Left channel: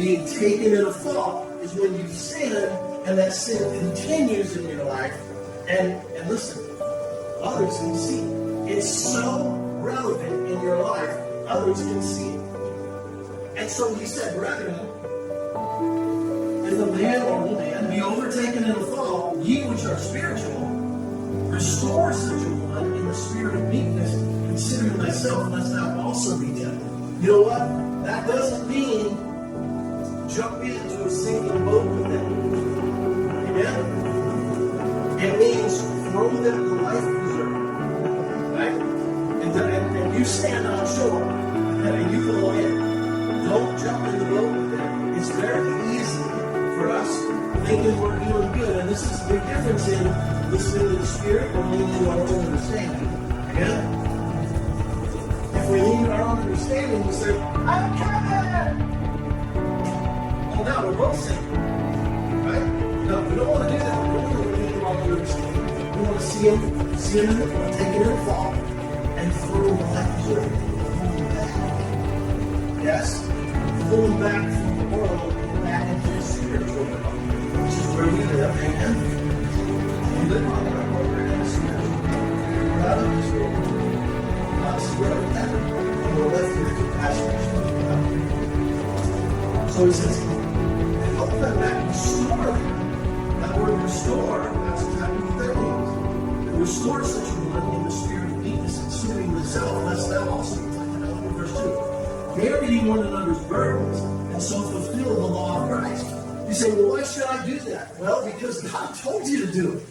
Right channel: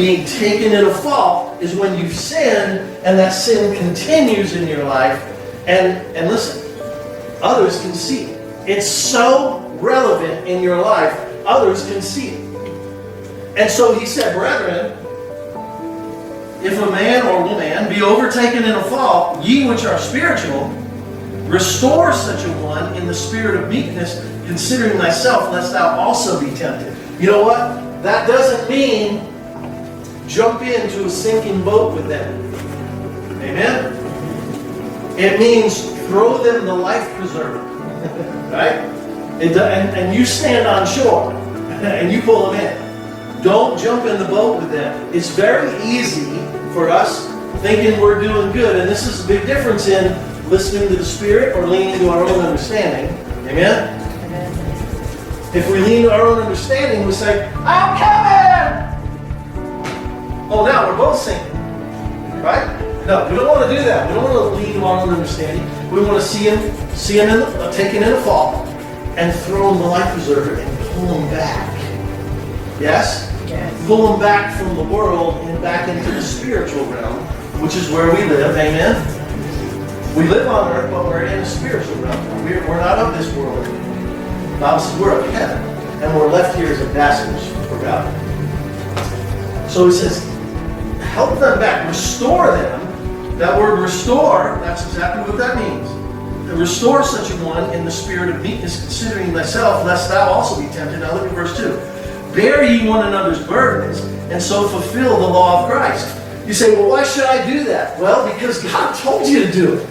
being taken in a fault is when you've sinned and that sin continues in your life. And listen, others can see it. It's so relevant in your life, others can see it. And so he said, brethren, if a man or woman be overtaken in a fault, ye which are spiritual, restore such a one in the spirit of meekness, considering thyself, lest thou also be tempted. You know what? That doesn't mean jump into a sinking boat with them. Amen? It means throw them the life preserver. Right? And you stand on shore and you pull them in. Don't jump in the boat with them. It's very easy for us thinking we're doing good. And this is a big difference in listening to the Spirit or leaning to our own understanding. Amen? Amen. If we lean to our own understanding, we say, I'm coming! Oh, now we're both sinking. Right? No, we don't want to do that. We don't want to lean to our own understanding. We want to see him taken in a fall and throw him the life preserver and pull him back. Yes? Yes? Pull him back from the world and back into the spiritual realm, which is where we live. Amen? We live on earth, but we're in a spiritual realm. We're not of this world. The Bible says we're of heaven, and we're left here as ambassadors for God. So he says, help them back, restore them. That word restore, that's exactly what that means. Restore such a one in the spirit of meekness, considering thyself, lest thou also be tempted. Now look at verse 2. Bear ye one another's burdens, and so fulfill the law of Christ. You say, well, why should I do that? Well, because God told you to do it.